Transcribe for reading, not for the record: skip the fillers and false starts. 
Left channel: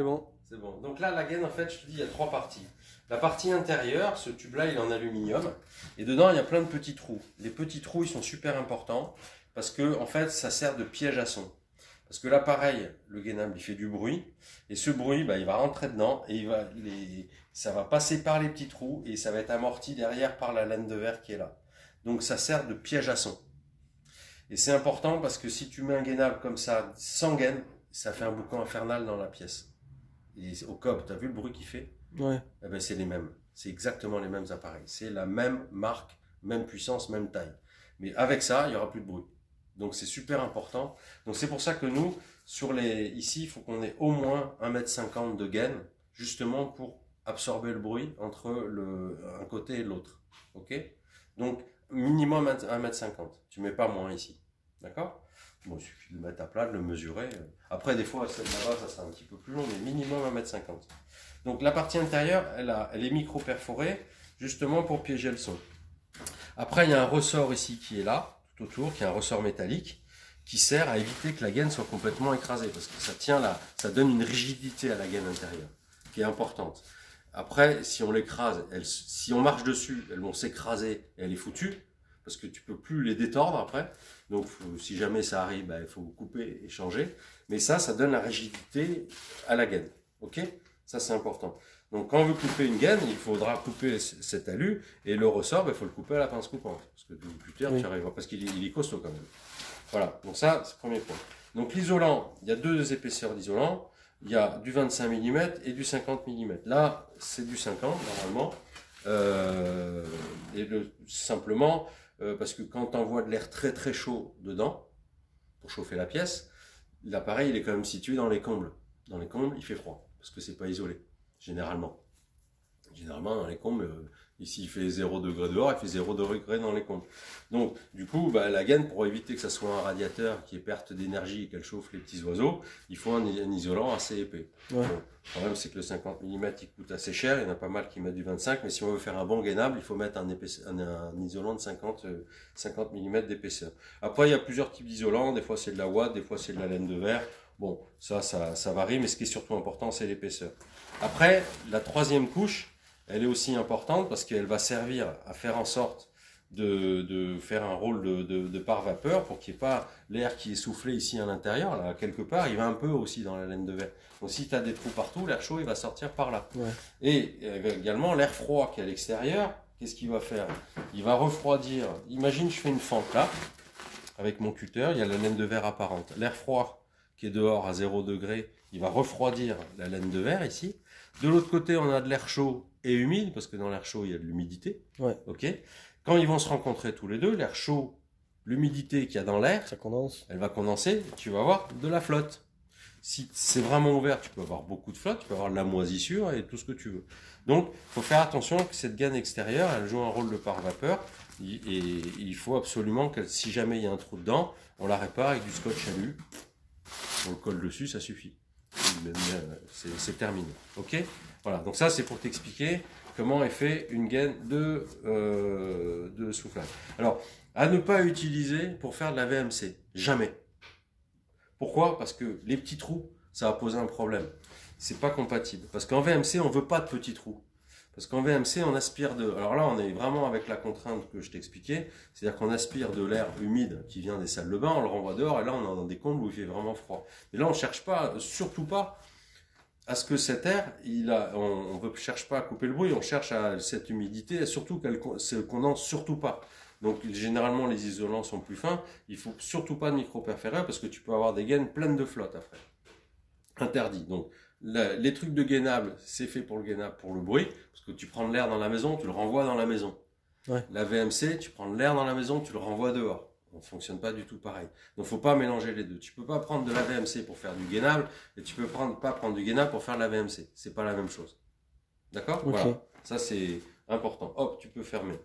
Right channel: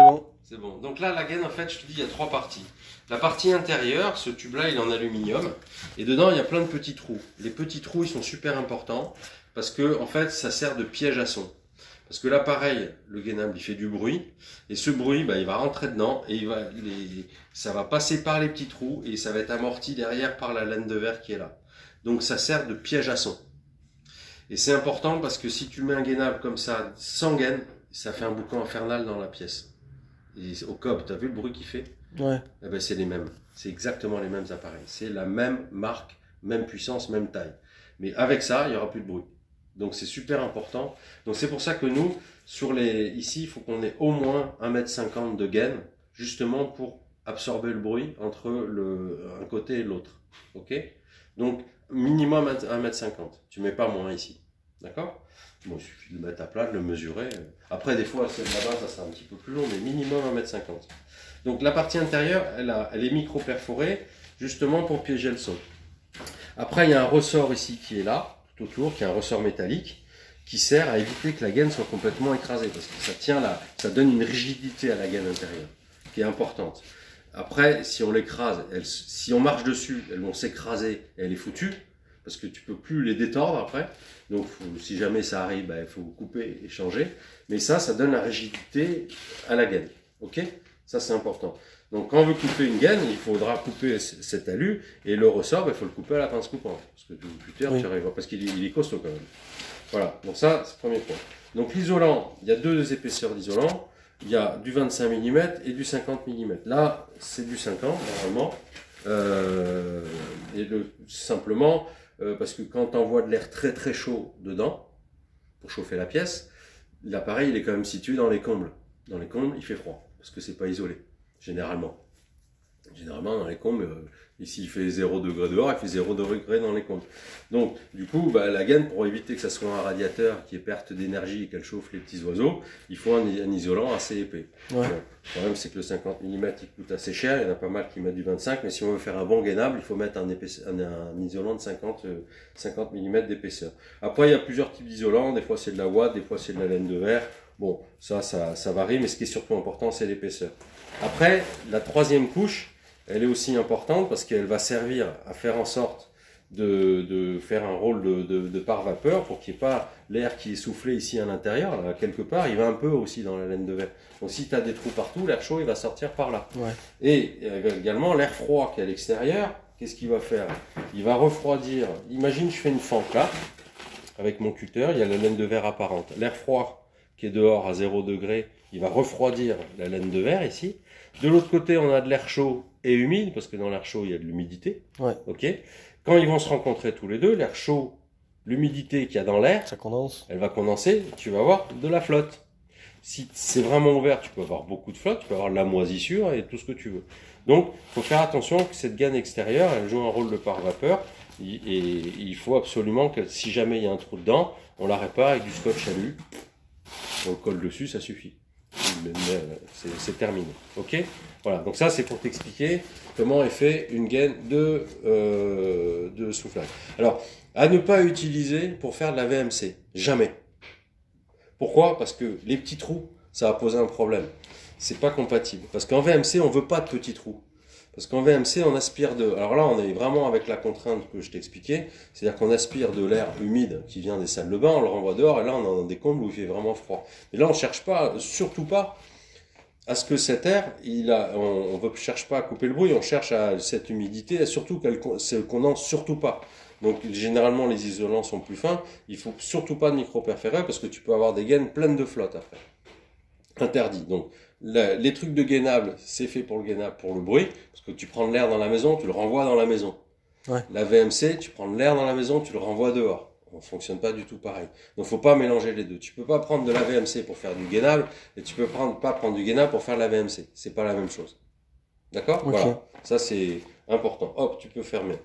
C'est bon. C'est bon. Donc là, la gaine, en fait, je te dis, il y a trois parties. La partie intérieure, ce tube-là, il est en aluminium. Et dedans, il y a plein de petits trous. Les petits trous, ils sont super importants parce que, en fait, ça sert de piège à son. Parce que l'appareil, le gainable, il fait du bruit. Et ce bruit, bah, il va rentrer dedans et ça va passer par les petits trous et ça va être amorti derrière par la laine de verre qui est là. Donc, ça sert de piège à son. Et c'est important parce que si tu mets un gainable comme ça, sans gaine, ça fait un boucan infernal dans la pièce. Et au cob, tu as vu le bruit qu'il fait? Ouais. Eh ben, c'est les mêmes. C'est exactement les mêmes appareils. C'est la même marque, même puissance, même taille. Mais avec ça, il n'y aura plus de bruit. Donc c'est super important. Donc c'est pour ça que nous, ici, il faut qu'on ait au moins 1,50 m de gaine, justement pour absorber le bruit entre un côté et l'autre. Ok? Donc minimum 1,50 m. Tu ne mets pas moins ici. D'accord? Bon, il suffit de le mettre à plat, de le mesurer. Après, des fois, celle là-bas, ça sera un petit peu plus long, mais minimum 1,50 m. Donc la partie intérieure, elle est micro-perforée, justement pour piéger le son. Après, il y a un ressort ici qui est là, tout autour, qui est un ressort métallique, qui sert à éviter que la gaine soit complètement écrasée, parce que ça tient là, ça donne une rigidité à la gaine intérieure, qui est importante. Après, si on l'écrase, si on marche dessus, elles vont s'écraser et elle est foutue, parce que tu peux plus les détordre après. Donc, si jamais ça arrive, bah, il faut couper et changer. Mais ça donne la rigidité à la gaine. Ok? Ça, c'est important. Donc, quand on veut couper une gaine, il faudra couper cet alu et le ressort, il faut le couper à la pince coupante. Parce que plus tard, tu arriveras, parce qu'il est costaud quand même. Voilà. Donc, ça, c'est le premier point. Donc, l'isolant, il y a deux épaisseurs d'isolant. Il y a du 25 mm et du 50 mm. Là, c'est du 50 normalement. Simplement, parce que quand on envoie de l'air très très chaud dedans, pour chauffer la pièce, l'appareil il est quand même situé dans les combles. Dans les combles, il fait froid, parce que c'est pas isolé, généralement. Généralement, dans les combles, ici il fait 0 degré dehors, il fait 0 degré dans les combles. Donc, du coup, bah, la gaine, pour éviter que ça soit un radiateur qui ait perte d'énergie et qu'elle chauffe les petits oiseaux, il faut un isolant assez épais. Ouais. Le problème, c'est que le 50 mm il coûte assez cher, il y en a pas mal qui mettent du 25, mais si on veut faire un bon gainable, il faut mettre un isolant de 50 mm d'épaisseur. Après, il y a plusieurs types d'isolants, des fois c'est de la ouate, des fois c'est de la laine de verre. Bon, ça varie, mais ce qui est surtout important, c'est l'épaisseur. Après, la troisième couche, elle est aussi importante parce qu'elle va servir à faire en sorte de faire un rôle de pare-vapeur pour qu'il n'y ait pas l'air qui est soufflé ici à l'intérieur. Quelque part, il va un peu aussi dans la laine de verre. Donc si tu as des trous partout, l'air chaud il va sortir par là. Ouais. Et également l'air froid qui est à l'extérieur, qu'est-ce qu'il va faire? Il va refroidir. Imagine je fais une fente là, avec mon cutter, il y a la laine de verre apparente. L'air froid qui est dehors à 0 degré, il va refroidir la laine de verre ici. De l'autre côté, on a de l'air chaud et humide, parce que dans l'air chaud, il y a de l'humidité. Ouais. Ok. Quand ils vont se rencontrer tous les deux, l'air chaud, l'humidité qu'il y a dans l'air, Ça condense. elle va condenser, tu vas avoir de la flotte. Si c'est vraiment ouvert, tu peux avoir beaucoup de flotte, tu peux avoir de la moisissure et tout ce que tu veux. Donc, il faut faire attention que cette gaine extérieure, elle joue un rôle de pare-vapeur. Et il faut absolument que si jamais il y a un trou dedans, on la répare avec du scotch alu. On le colle dessus, ça suffit. C'est terminé. Ok? Voilà, donc ça c'est pour t'expliquer comment est fait une gaine de soufflage. Alors, à ne pas utiliser pour faire de la VMC. Jamais. Pourquoi? Parce que les petits trous, ça va poser un problème. C'est pas compatible. Parce qu'en VMC, on veut pas de petits trous. Parce qu'en VMC, on aspire de... Alors là, on est vraiment avec la contrainte que je t'expliquais. C'est-à-dire qu'on aspire de l'air humide qui vient des salles de bain, on le renvoie dehors, et là, on est dans des combles où il fait vraiment froid. Et là, on ne cherche pas, surtout pas, à ce que cet air, on ne cherche pas à couper le bruit, on cherche à cette humidité, et surtout qu'elle ne se condense surtout pas. Donc, généralement, les isolants sont plus fins. Il ne faut surtout pas de micro-perforer parce que tu peux avoir des gaines pleines de flotte après. Interdit. Donc, les trucs de gainable, c'est fait pour le gainable, pour le bruit, parce que tu prends de l'air dans la maison, tu le renvoies dans la maison. Ouais. La VMC, tu prends de l'air dans la maison, tu le renvoies dehors. On ne fonctionne pas du tout pareil. Donc, il ne faut pas mélanger les deux. Tu ne peux pas prendre de la VMC pour faire du gainable, et tu ne peux pas prendre du gainable pour faire de la VMC. Ce n'est pas la même chose. D'accord? Okay. Voilà. Ça, c'est important. Hop, tu peux fermer.